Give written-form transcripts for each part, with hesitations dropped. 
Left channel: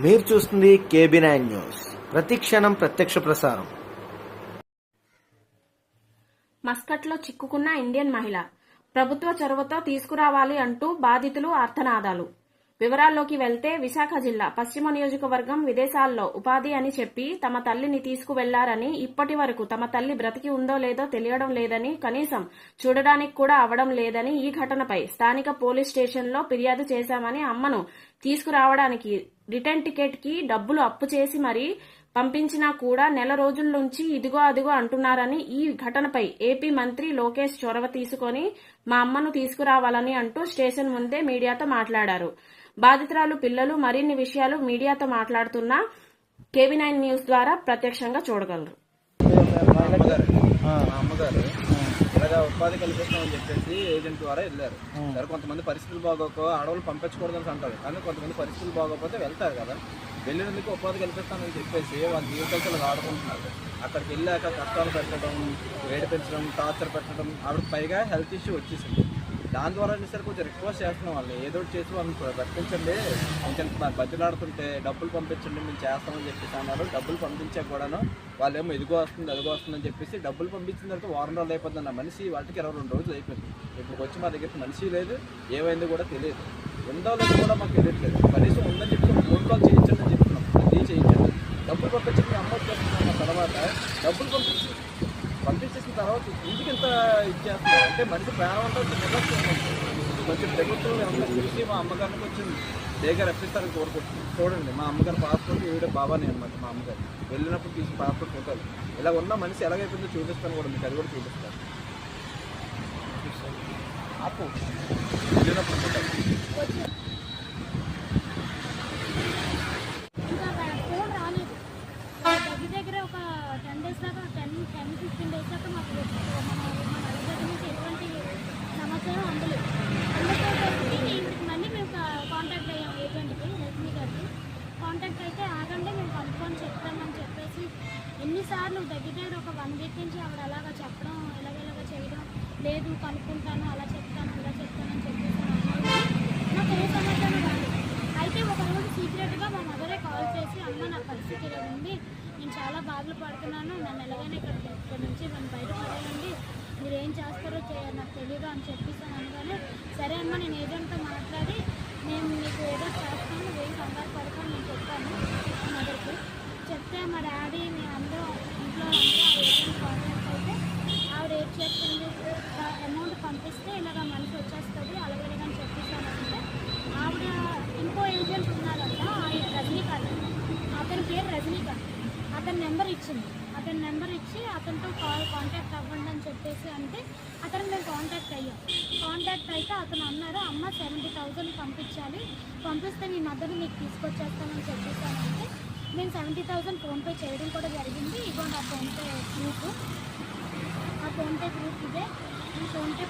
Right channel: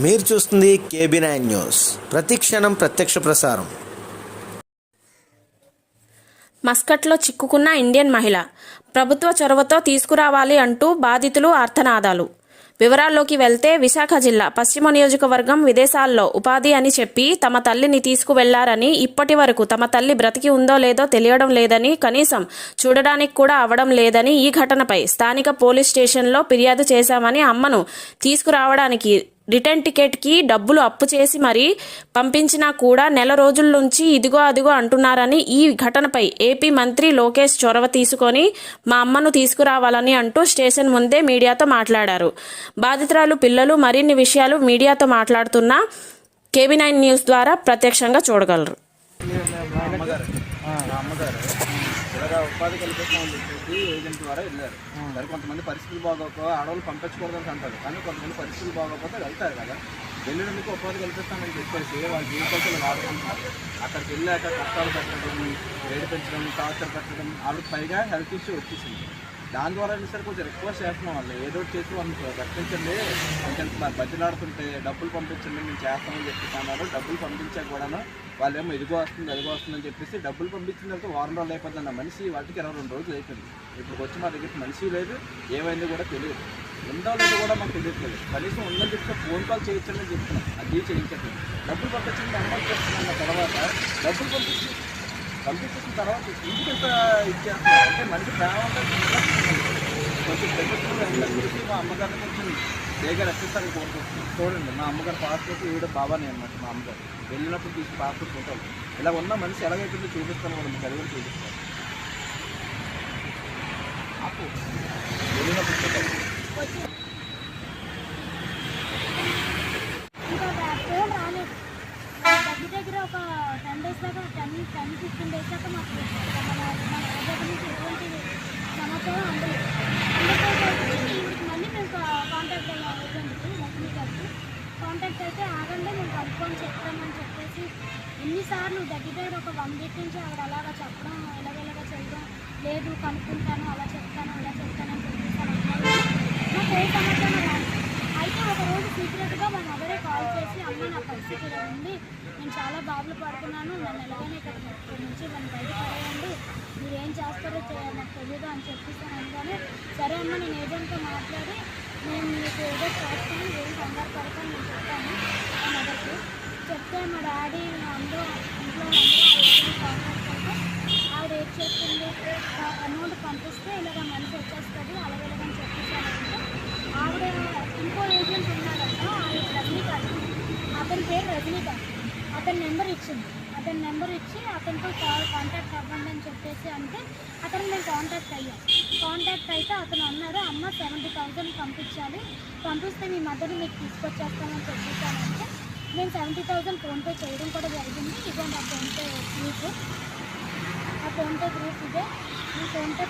మీరు చూస్తుంది KB9 news, ప్రతి క్షణం ప్రత్యక్ష ప్రసారం. మస్కట్లో చిక్కుకున్న ఇండియన్ మహిళ, ప్రభుత్వ చొరవతో తీసుకురావాలి అంటూ బాధితులు ఆర్తనాదాలు. వివరాల్లోకి వెళ్తే, విశాఖ జిల్లా పశ్చిమ నియోజకవర్గం విదేశాల్లో ఉపాధి అని చెప్పి తమ తల్లిని తీసుకువెళ్లారని, ఇప్పటి వరకు తమ తల్లి బ్రతికి ఉందో లేదో తెలియడం లేదని, కనీసం చూడడానికి కూడా అవడం లేదని ఈ ఘటనపై స్థానిక పోలీస్ స్టేషన్లో ఫిర్యాదు చేశామని, అమ్మను తీసుకురావడానికి రిటర్న్ టికెట్కి డబ్బులు అప్పు చేసి మరీ పంపించినా కూడా నెల రోజుల నుంచి ఇదిగో అదిగో అంటున్నారని, ఈ ఘటనపై ఏపీ మంత్రి లోకేష్ చొరవ తీసుకొని మా అమ్మను తీసుకురావాలని అంటూ స్టేషన్ ముందే మీడియాతో మాట్లాడారు. బాధితురాలు పిల్లలు మరిన్ని విషయాలు మీడియాతో మాట్లాడుతున్న KB9 న్యూస్ ద్వారా ప్రత్యక్షంగా చూడగలరు. మా అమ్మగారు ఇలాగా ఉపాధి కల్పిస్తామని చెప్పేసి ఏజెంట్ ద్వారా వెళ్ళారు. సరే, కొంతమంది పరిస్థితులు బాగోక ఆడవాళ్ళు పంపించకూడదని అంటారు, కానీ కొంతమంది పరిస్థితులు బాగోకపోతే వెళ్తారు కదా. వెళ్ళినందుకు ఉపాధి కల్పిస్తామని చెప్పేసి వాళ్ళ జీవితాలు ఆడుకుంటున్నారు. అక్కడికి వెళ్ళాక కష్టాలు పెట్టడం, వేడి పెంచడం, టార్చర్ పెట్టడం, ఆవిడకి పైగా హెల్త్ ఇష్యూ వచ్చేసింది. దాని ద్వారా సరే కొంచెం రిక్వెస్ట్ చేస్తున్నాం, వాళ్ళు ఏదో చేసి వాళ్ళని రక్షించండి, కొంచెం బతిలాడుతుంటే డబ్బులు పంపించండి, మేము చేస్తామని చెప్పేసి అన్నారు. డబ్బులు పంపించాక కూడాను వాళ్ళేమో ఇదిగో వస్తుంది అదిగో వస్తుందని చెప్పేసి డబ్బులు పంపించిన తర్వాత వారం రోజులు అయిపోతుంది. అన్న మనిషి వాటికి 22 రోజులు అయిపోయింది. ఇప్పుడు వచ్చి మా దగ్గర మనిషి లేదు, ఏమైంది కూడా తెలియదు, ఉందో లేదో కూడా మాకు తెలియట్లేదు. కనీసం ఉందని చెప్పి ఫోన్ కాల్ చేయించమని చెప్తున్నాం, అది చేయించండి. డబ్బులు పంపించండి, అమ్మ వచ్చేస్తున్న తర్వాత డబ్బులు పంపించేసిన తర్వాత ఇంటికి ఇంత ఇచ్చేస్తున్నారు అంటే మనిషి ప్రాణం అంటే కొంచెం ప్రభుత్వంలో చూసి మా అమ్మగారిని కొంచెం వేగా రక్షిస్తారని కోరుకుంటున్నాను. చూడండి, మా అమ్మగారు పాస్పోర్ట్ ఈవిడ బాబానే అనమాట. మా అమ్మగారు వెళ్ళినప్పుడు తీసి పాస్పోర్ట్ ఫోటోలు ఇలా ఉన్న మనిషి ఎలాగైతుందో చూపిస్తాను కూడా, మీకు అది కూడా చూపిస్తాను. అప్పు వెళ్ళినప్పుడు ఫోటోలు దగ్గర ఒక 10 days దాకా 10-15 days దాకా మాకు మన దగ్గర నుంచి ఎటువంటి సమాచారం అందలేదు. ఇంటికి మళ్ళీ మేము కాంటాక్ట్ అయ్యాం ఏజెంట్కి, లక్ష్మి గారికి కాంటాక్ట్ అయితే ఆగండి మేము కనుక్కొని చెప్తామని చెప్పేసి ఎన్నిసార్లు దగ్గర ఒక 1 week నుంచి ఆవిడ అలాగా చెప్పడం, ఎలాగెలాగా చేయడం లేదు, కనుక్కుంటాను, అలా చెప్తాను ఇలా చెప్తానని చెప్పేసి అన్నారు. నాకు ఏ సమాచారం రాదు. అయితే ఒకరోజు సీక్రెట్గా మా మదరే కాల్ చేసి, అమ్మ నా పరిస్థితి ఇలా ఉంది, నేను చాలా బాధలు పడుతున్నాను, నన్ను ఎలాగైనా ఇక్కడ నుంచి నన్ను బయటపడేయండి, మీరు ఏం చేస్తారో నాకు తెలియదు అని చెప్పేసి అనగానే, సరే అమ్మ నేను ఏజెంట్తో మాట్లాడి నేను మీకు ఏదో చేస్తాను, ఏం కంగారు పడతాను నేను చెప్తాను మా మదర్కి చెప్తే, మా డాడీ మేము ఇంట్లో అందరూ ఏజెంట్ కాంటాక్ట్ అయితే ఆవిడ ఏం చేస్తుంది, అమౌంట్ పంపిస్తే ఇలాగ మనిషి వచ్చేస్తుంది అలాగేలాగని చెప్పేసానంటే, ఆవిడ ఇంకో ఏజెంట్ ఉన్నాడంట, రజనీకాంత్, అతని పేరు రజనీకాంత్, అతని నెంబర్ ఇచ్చింది. అతని నెంబర్ ఇచ్చి అతనితో కాంటాక్ట్ అవ్వండి అని చెప్పేసి అంటే అతను మేము కాంటాక్ట్ అయ్యాం. కాంటాక్ట్ అయితే అతను అన్నారు, అమ్మ 70,000 పంపించాలి, పంపిస్తే మీ మదర్ని మీకు తీసుకొచ్చేస్తానని చెప్పేసానంటే మేము 70,000 ఫోన్పే చేయడం కూడా జరిగింది. ఇదిగోండి ఆ ఫోన్పే ప్రూఫ్, ఆ ఫోన్పే ప్రూఫ్ ఇదే. మీ ఫోన్పే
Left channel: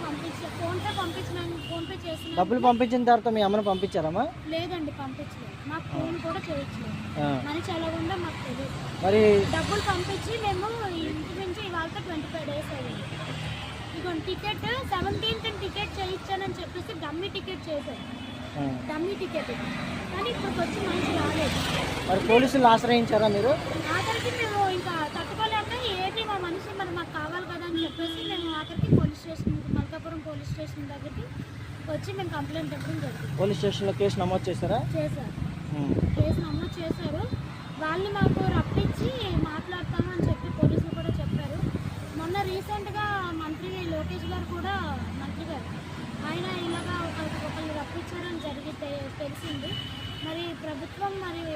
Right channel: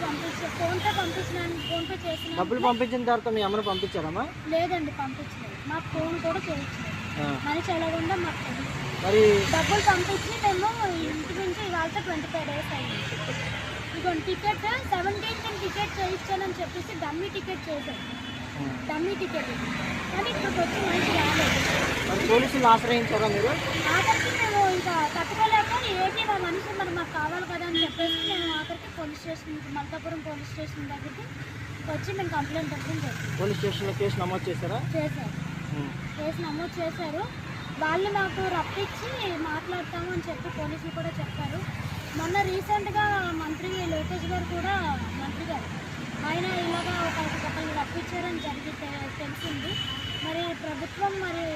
చేసిన డబ్బులు పంపించిన తర్వాత మీ అమ్మను పంపించారమ్మా? లేదండి, పంపించలేదు. మాకు ఫోన్ కూడా చేయట్లేదు, మనిషి ఎలా ఉందో మాకు తెలియదు. మరి డబ్బులు పంపించి మేము ఇంటి నుంచి ఇవాళ 25 days అయ్యింది. ఇదిగోండి టికెట్ 17th టికెట్ చేయించానని చెప్పేసి డమ్మీ టికెట్ చేశారు, డమ్మీ టికెట్. కానీ ఇప్పటికి వచ్చి మనిషి రాలేదు. మరి పోలీసులు ఆశ్రయించారా మీరు? ఆఖరికి మేము ఇంకా తట్టుకోలేక ఏది మా మనిషి మరి మాకు కావాలి కదా అని చెప్పేసి మేము ఆఖరికి police station, Malkapuram police station దగ్గరికి వచ్చి మేము కంప్లైంట్ ఇవ్వడం జరిగింది. పోలీస్ స్టేషన్లో కేసు నమోదు చేశారా? చేశారు, కేసు నమోదు చేశారు. వాళ్ళు మాకు రప్పించి మాట్లాడతాము అని చెప్పి పోలీసులు కూడా చెప్పారు. మొన్న రీసెంట్గా మంత్రి లోకేష్ గారు కూడా, మంత్రి గారు ఆయన ఇలాగా ఒకళ్ళు రప్పించారని తెలిసింది. మరి ప్రభుత్వం మరి